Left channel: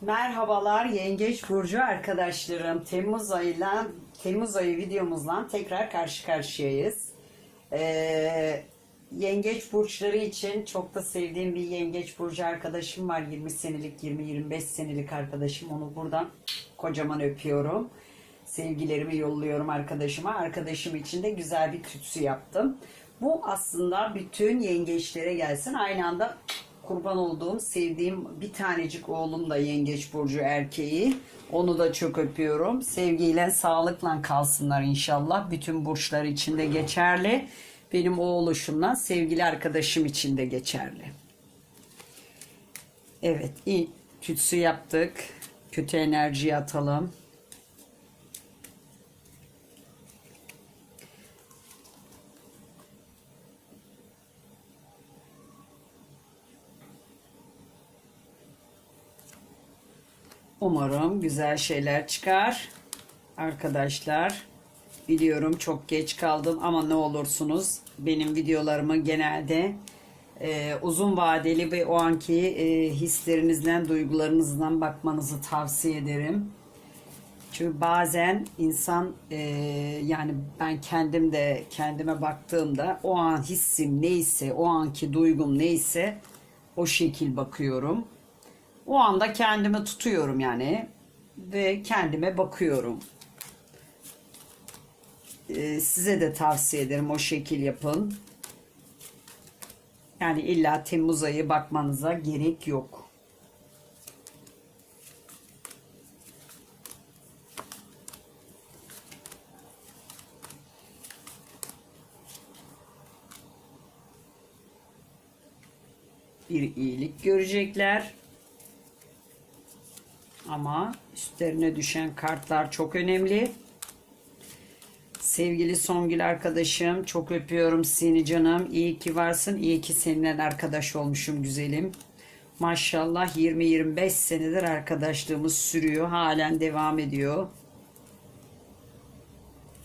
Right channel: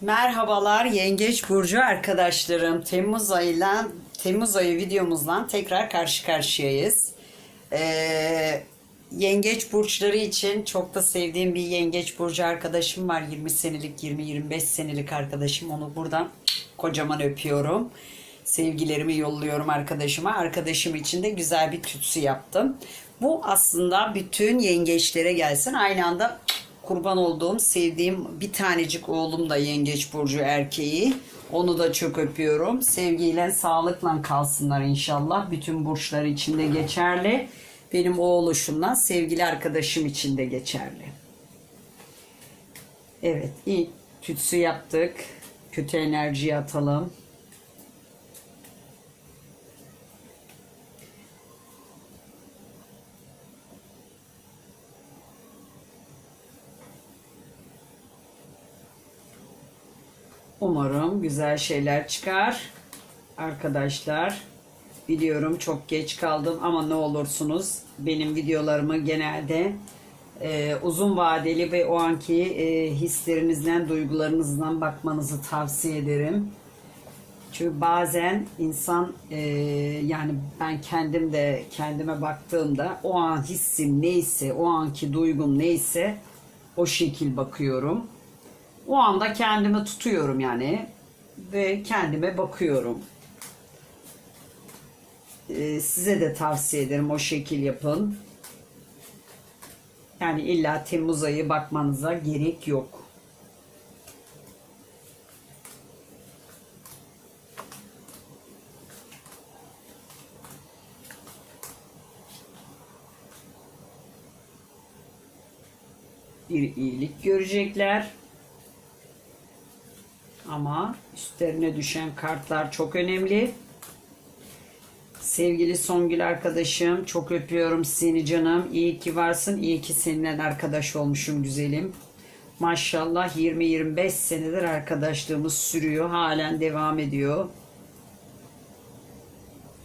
Merhabalar Yengeç Burcu arkadaşlarım. Temmuz ayıyla Temmuz ayı videomuzla tekrar karşı karşıyayız. Ee, yengeç burçları için çok da sevdiğim bir yengeç burcu arkadaşım var. 20 senelik, 20-25 senelik arkadaşım. Onu buradan kocaman öpüyorum. Sevgilerimi yolluyorum arkadaşıma. Arkadaşım için de güzel bir tütsü yaptım. Bu aslında bütün yengeçlere gelsin. Aynı anda kurban olduğum, sevdiğim bir tanecik oğlum da yengeç burcu erkeği. Onu da çok öpüyorum. Sevgiyle, sağlıkla kalsınlar inşallah. Bütün burçlar için de geçerli. Benim o oluşumdan sevgili arkadaşım için de geçerli. Evet, iyi tütsü yaptık. Kötü enerjiyi atalım. Umarım güzel şeyler çıkar. Arkadaşlar biliyorum çok geç kaldım ama ne olursunuz benim videolarımı genelde e, uzun vadeli ve o anki e, hislerinizden, duygularınızdan bakmanızı tavsiye ederim. Çünkü bazen insan e, yani ben kendim de kendime baktığımda o an hissim neyse, o anki duygum neyse o şekil bakıyorum. O anda kendimi tutuyorum yani ve kendime bakıyorum. Ee, size de tavsiye ederim o şekil yapın. Yani illa Temmuz ayı bakmanıza gerek yok. Bir iyilik görecekler. Ama üstlerine düşen kartlar çok önemli. Sevgili Songül arkadaşım çok öpüyorum seni canım. İyi ki varsın. İyi ki seninle arkadaş olmuşum güzelim. Maşallah 20-25 senedir arkadaşlığımız sürüyor. Halen devam ediyor.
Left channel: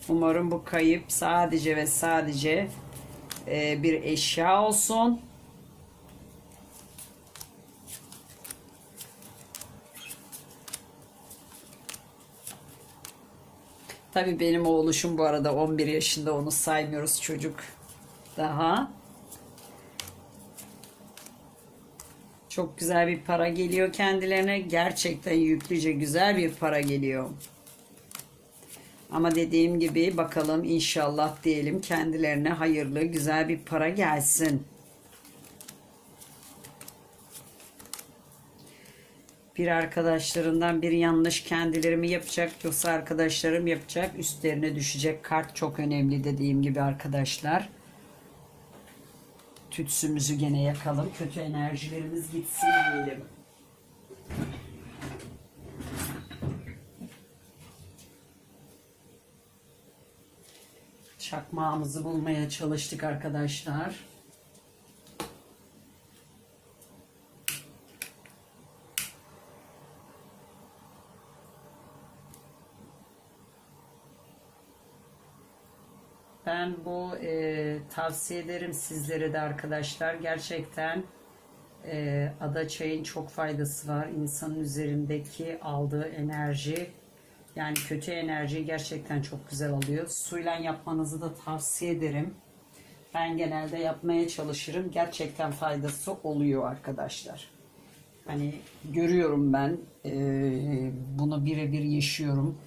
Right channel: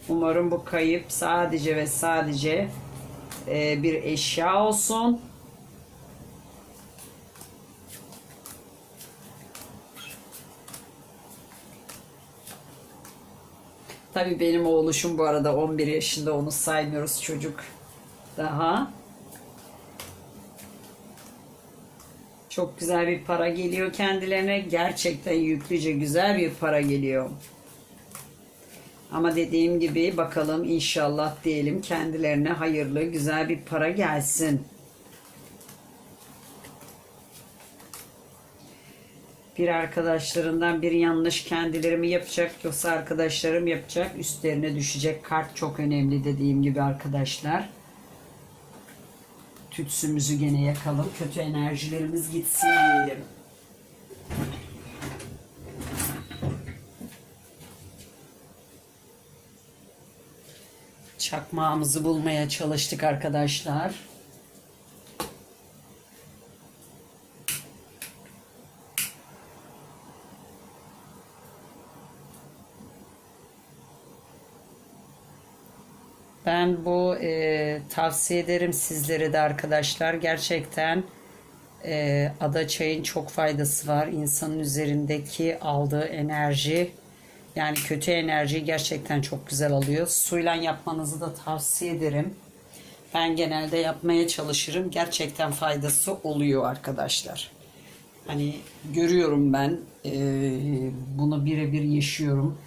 Umarım bu kayıp sadece ve sadece e, bir eşya olsun. Tabii benim oğluşum bu arada 11 yaşında onu saymıyoruz çocuk daha. Çok güzel bir para geliyor kendilerine. Gerçekten yüklüce güzel bir para geliyor. Ama dediğim gibi bakalım inşallah diyelim kendilerine hayırlı güzel bir para gelsin. Bir arkadaşlarından bir yanlış kendileri mi yapacak yoksa arkadaşlarım yapacak. Üstlerine düşecek kart çok önemli dediğim gibi arkadaşlar. Tütsümüzü gene yakalım. Kötü enerjilerimiz gitsin diyelim. Çakmağımızı bulmaya çalıştık arkadaşlar Ben bu e, tavsiye ederim sizlere de arkadaşlar. Gerçekten e, ada çayın çok faydası var. İnsanın üzerindeki aldığı enerji yani kötü enerjiyi gerçekten çok güzel alıyor. Suyla yapmanızı da tavsiye ederim. Ben genelde yapmaya çalışırım. Gerçekten faydası oluyor arkadaşlar. Hani görüyorum ben e, bunu birebir yaşıyorum.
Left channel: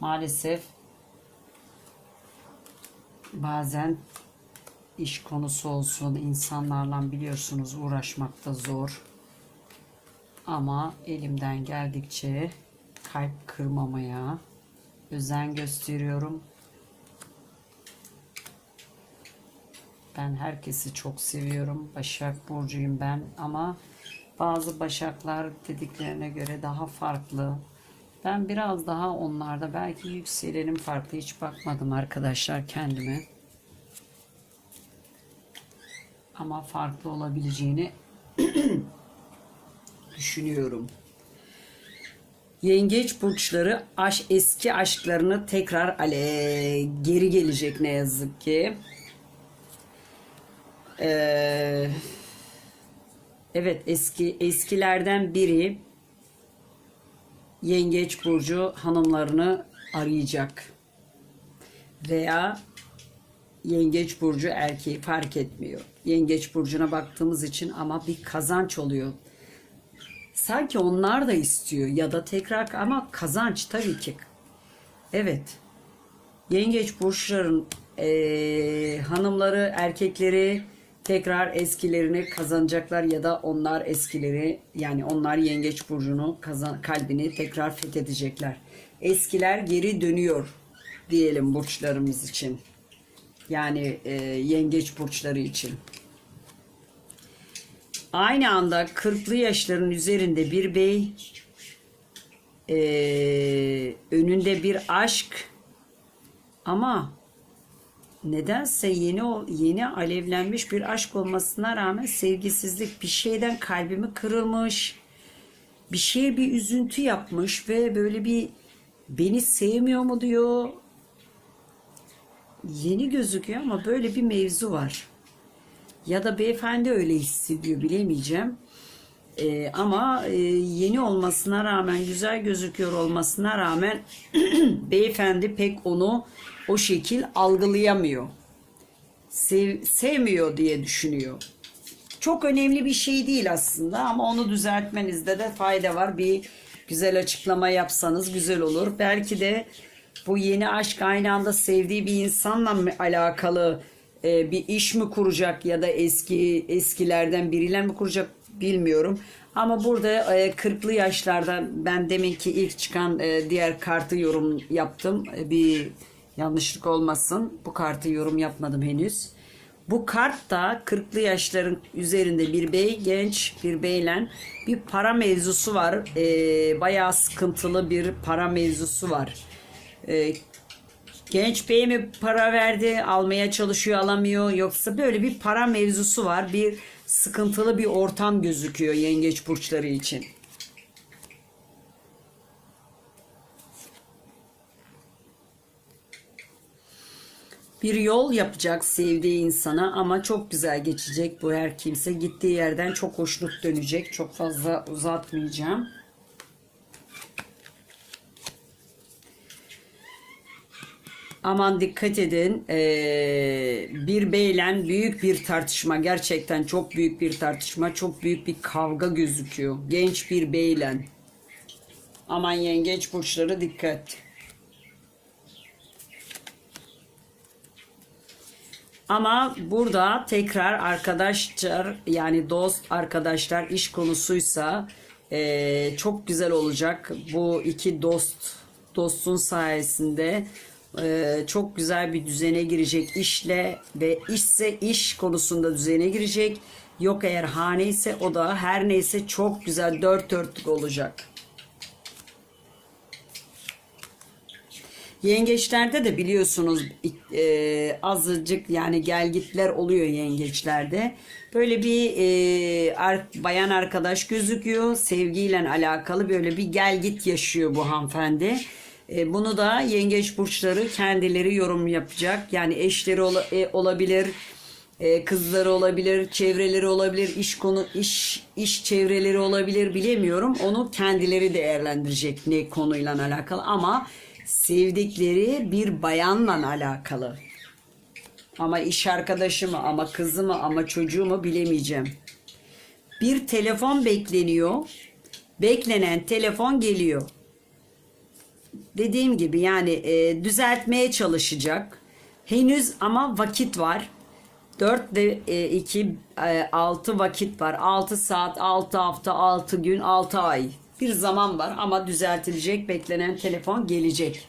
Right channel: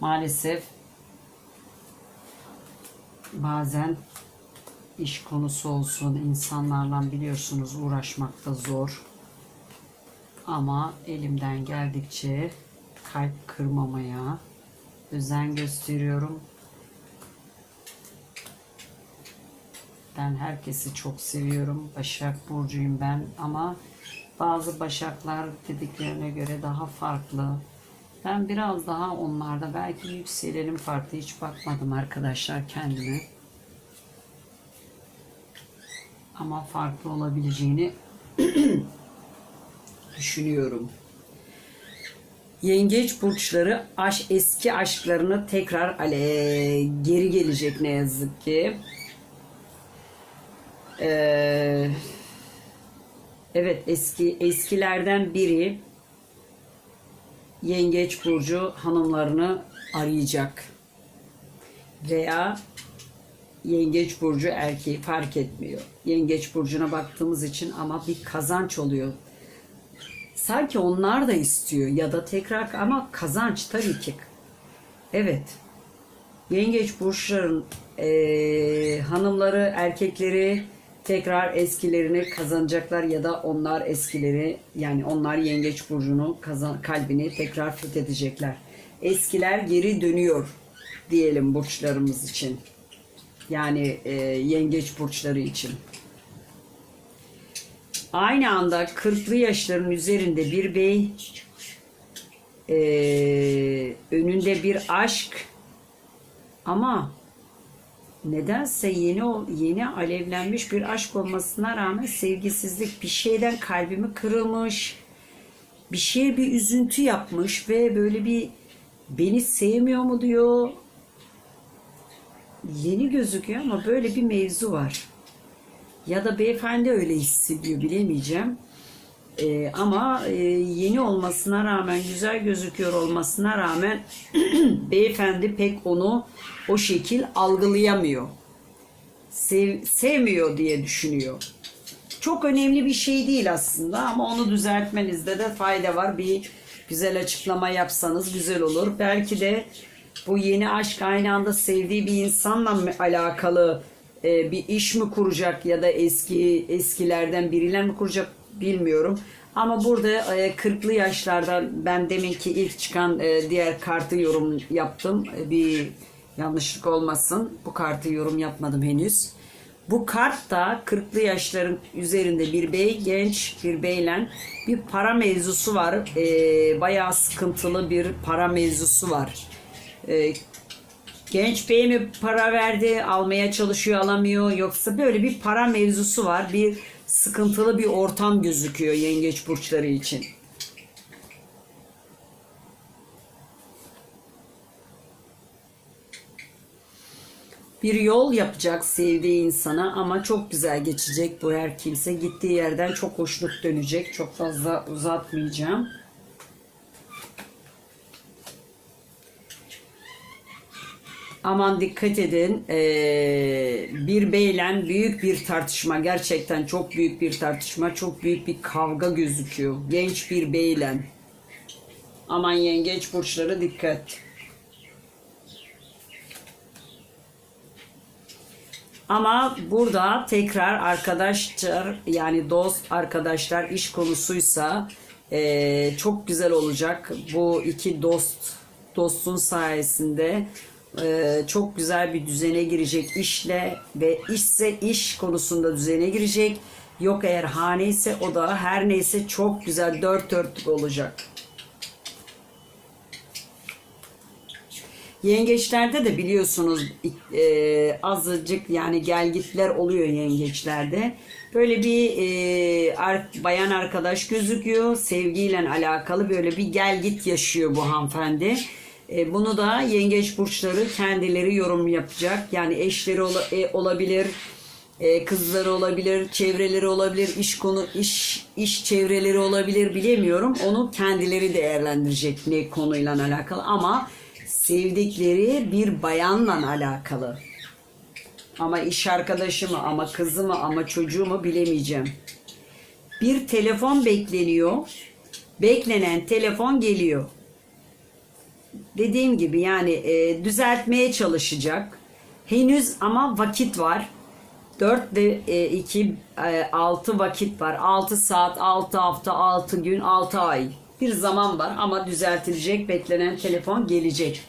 Maalesef bazen iş konusu olsun insanlarla biliyorsunuz uğraşmak da zor. Ama elimden geldikçe kalp kırmamaya özen gösteriyorum. Ben herkesi çok seviyorum. Başak Burcu'yum ben ama bazı başaklar dediklerine göre daha farklı. Ben biraz daha onlarda belki yükselenim farklı hiç bakmadım arkadaşlar kendime. Ama farklı olabileceğini düşünüyorum. Yengeç burçları aş, eski aşklarını tekrar ale, geri gelecek ne yazık ki. Ee, evet eski eskilerden biri Yengeç burcu hanımlarını arayacak. Veya Yengeç burcu erkeği fark etmiyor. Yengeç burcuna baktığımız için ama bir kazanç oluyor. Sanki onlar da istiyor ya da tekrar ama kazanç tabii ki. Evet. Yengeç burçların eee, hanımları, erkekleri tekrar eskilerini kazanacaklar ya da onlar eskileri yani onlar yengeç burcunu kazan, kalbini tekrar fethedecekler. Eskiler geri dönüyor diyelim burçlarımız için. Yani eee, yengeç burçları için. Aynı anda 40'lı yaşların üzerinde bir bey, eee, önünde bir aşk ama nedense yeni yeni alevlenmiş bir aşk olmasına rağmen sevgisizlik bir şeyden kalbimi kırılmış. Bir şeye bir üzüntü yapmış ve böyle bir beni sevmiyor mu diyor. Yeni gözüküyor ama böyle bir mevzu var. Ya da beyefendi öyle hissediyor bilemeyeceğim. Ee, ama e, yeni olmasına rağmen güzel gözüküyor olmasına rağmen beyefendi pek onu o şekil algılayamıyor. Sev, sevmiyor diye düşünüyor. Çok önemli bir şey değil aslında ama onu düzeltmenizde de fayda var. Bir güzel açıklama yapsanız güzel olur. Belki de bu yeni aşk aynı anda sevdiği bir insanla mı alakalı e, bir iş mi kuracak ya da eski eskilerden biriyle mi kuracak bilmiyorum. Ama burada e, 40'lı yaşlarda ben deminki ilk çıkan e, diğer kartı yorum yaptım. E, bir yanlışlık olmasın. Bu kartı yorum yapmadım henüz. Bu kart da 40'lı yaşların üzerinde bir bey, genç bir beyle bir para mevzusu var. E, bayağı sıkıntılı bir para mevzusu var. E, Genç bey mi para verdi, almaya çalışıyor, alamıyor yoksa böyle bir para mevzusu var. Bir sıkıntılı bir ortam gözüküyor yengeç burçları için. Bir yol yapacak sevdiği insana ama çok güzel geçecek bu her kimse. Gittiği yerden çok hoşnut dönecek. Çok fazla uzatmayacağım. Aman dikkat edin. Ee, bir beyle büyük bir tartışma. Gerçekten çok büyük bir tartışma. Çok büyük bir kavga gözüküyor. Genç bir beyle. Aman yengeç burçları dikkat. Ama burada tekrar arkadaşlar yani dost arkadaşlar iş konusuysa eee, çok güzel olacak. Bu iki dost dostun sayesinde eee, çok güzel bir düzene girecek işle ve işse iş konusunda düzene girecek. Yok eğer hane ise o da her neyse çok güzel dört dörtlük olacak. Yengeçlerde de biliyorsunuz e, azıcık yani gelgitler oluyor yengeçlerde. Böyle bir e, ar- bayan arkadaş gözüküyor. Sevgiyle alakalı böyle bir gelgit yaşıyor bu hanımefendi. E, bunu da yengeç burçları kendileri yorum yapacak. Yani eşleri e, olabilir, e, kızları olabilir, çevreleri olabilir, iş konu iş iş çevreleri olabilir bilemiyorum. Onu kendileri değerlendirecek ne konuyla alakalı ama sevdikleri bir bayanla alakalı. Ama iş arkadaşı mı, ama kızı mı, ama çocuğu mu bilemeyeceğim. Bir telefon bekleniyor. Beklenen telefon geliyor. Dediğim gibi yani e, düzeltmeye çalışacak. Henüz ama vakit var. 4 de 2 6 vakit var. 6 saat, 6 hafta, 6 gün, 6 ay. Bir zaman var ama düzeltilecek. Beklenen telefon gelecek.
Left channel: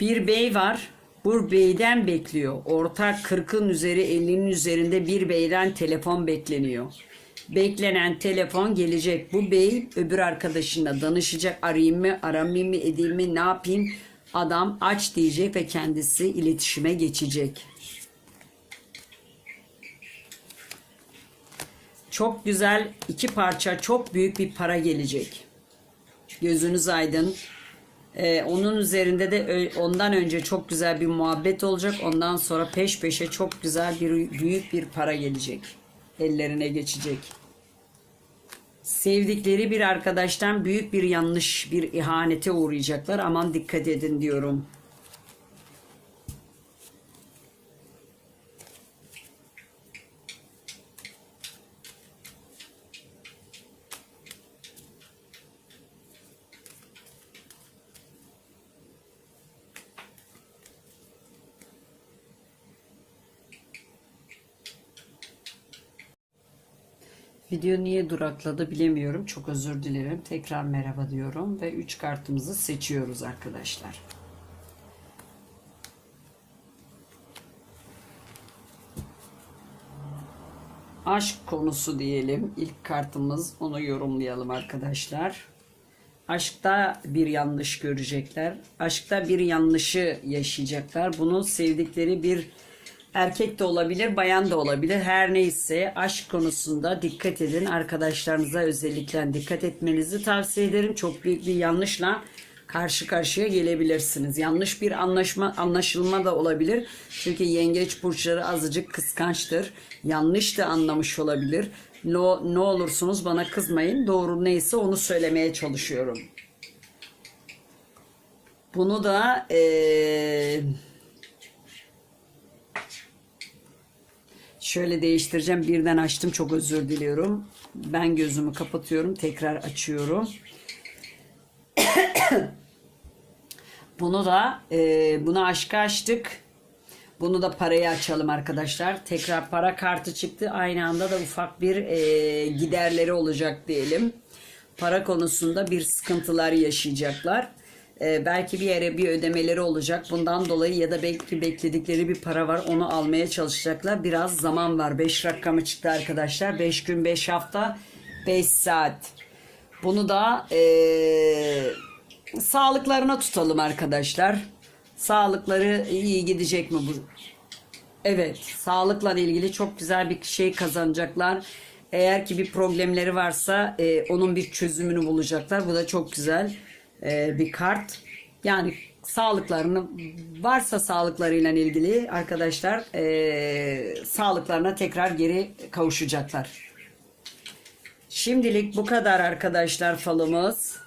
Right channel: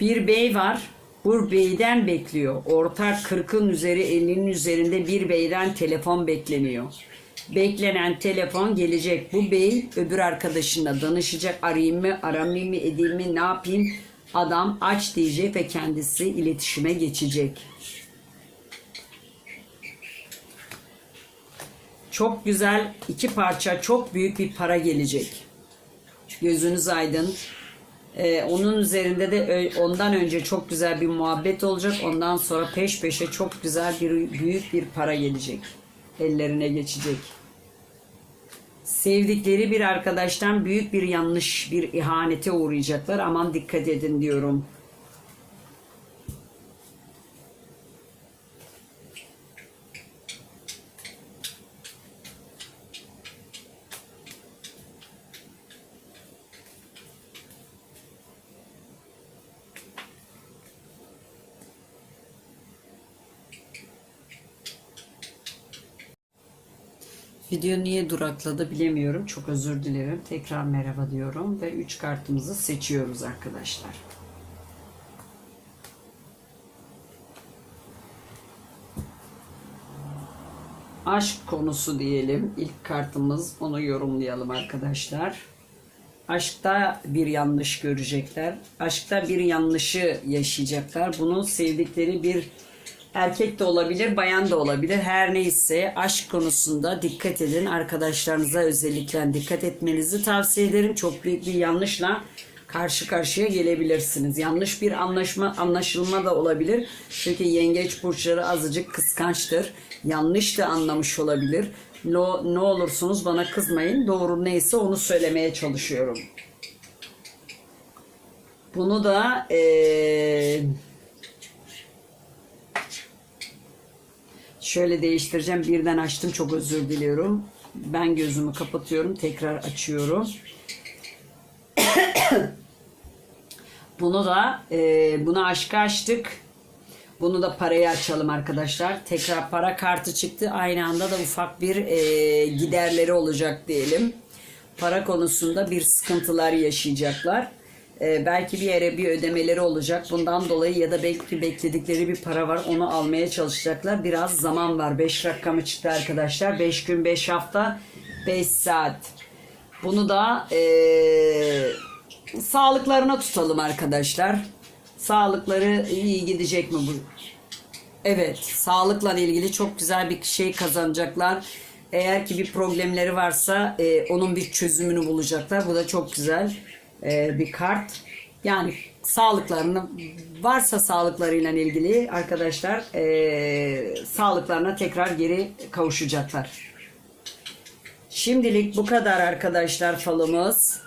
Bir bey var. Bu beyden bekliyor. Ortak 40'ın üzeri 50'nin üzerinde bir beyden telefon bekleniyor. Beklenen telefon gelecek. Bu bey öbür arkadaşına danışacak. Arayayım mı, aramayayım mı, edeyim mi, ne yapayım? Adam aç diyecek ve kendisi iletişime geçecek. Çok güzel iki parça çok büyük bir para gelecek. Gözünüz aydın. Ee, onun üzerinde de ondan önce çok güzel bir muhabbet olacak. Ondan sonra peş peşe çok güzel bir büyük bir para gelecek. Ellerine geçecek. Sevdikleri bir arkadaştan büyük bir yanlış, bir ihanete uğrayacaklar. Aman dikkat edin diyorum. Video niye durakladı bilemiyorum. Çok özür dilerim. Tekrar merhaba diyorum ve 3 kartımızı seçiyoruz arkadaşlar. Aşk konusu diyelim. İlk kartımız onu yorumlayalım arkadaşlar. Aşkta bir yanlış görecekler. Aşkta bir yanlışı yaşayacaklar. Bunu sevdikleri bir erkek de olabilir, bayan da olabilir. Her neyse aşk konusunda dikkat edin. Arkadaşlarınıza özellikle dikkat etmenizi tavsiye ederim. Çok büyük bir yanlışla karşı karşıya gelebilirsiniz. Yanlış bir anlaşma anlaşılma da olabilir. Çünkü yengeç burçları azıcık kıskançtır. Yanlış da anlamış olabilir. No, ne olursunuz bana kızmayın. Doğru neyse onu söylemeye çalışıyorum. Bunu da eee Şöyle değiştireceğim. Birden açtım. Çok özür diliyorum. Ben gözümü kapatıyorum. Tekrar açıyorum. Bunu da e, bunu aşka açtık. Bunu da parayı açalım arkadaşlar. Tekrar para kartı çıktı. Aynı anda da ufak bir e, giderleri olacak diyelim. Para konusunda bir sıkıntılar yaşayacaklar. E, belki bir yere bir ödemeleri olacak. Bundan dolayı ya da belki bekledikleri bir para var. Onu almaya çalışacaklar. Biraz zaman var. 5 rakamı çıktı arkadaşlar. 5 gün, 5 hafta, 5 saat. Bunu da e, sağlıklarına tutalım arkadaşlar. Sağlıkları iyi gidecek mi bu? Evet, sağlıkla ilgili çok güzel bir şey kazanacaklar. Eğer ki bir problemleri varsa e, onun bir çözümünü bulacaklar. Bu da çok güzel e, bir kart. Yani sağlıklarını varsa sağlıklarıyla ilgili arkadaşlar e, sağlıklarına tekrar geri kavuşacaklar. Şimdilik bu kadar arkadaşlar falımız.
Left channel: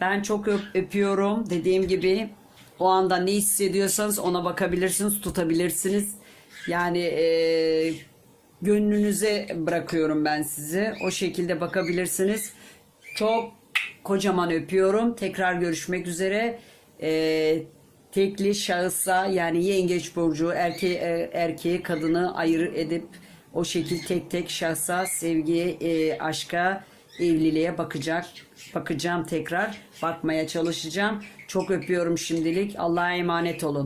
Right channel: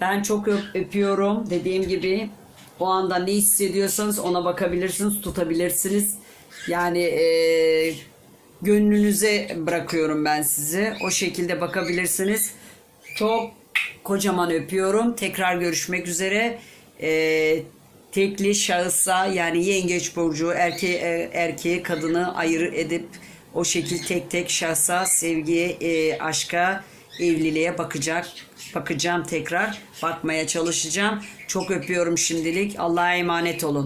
Ben çok öp- öpüyorum. Dediğim gibi o anda ne hissediyorsanız ona bakabilirsiniz, tutabilirsiniz. Yani e, gönlünüze bırakıyorum ben sizi. O şekilde bakabilirsiniz. Çok kocaman öpüyorum. Tekrar görüşmek üzere. E, tekli şahısa yani yengeç burcu erkeği, e, erkeği kadını ayır edip o şekil tek tek şahsa sevgiye, e, aşka, evliliğe bakacak. Bakacağım tekrar. Bakmaya çalışacağım. Çok öpüyorum şimdilik. Allah'a emanet olun.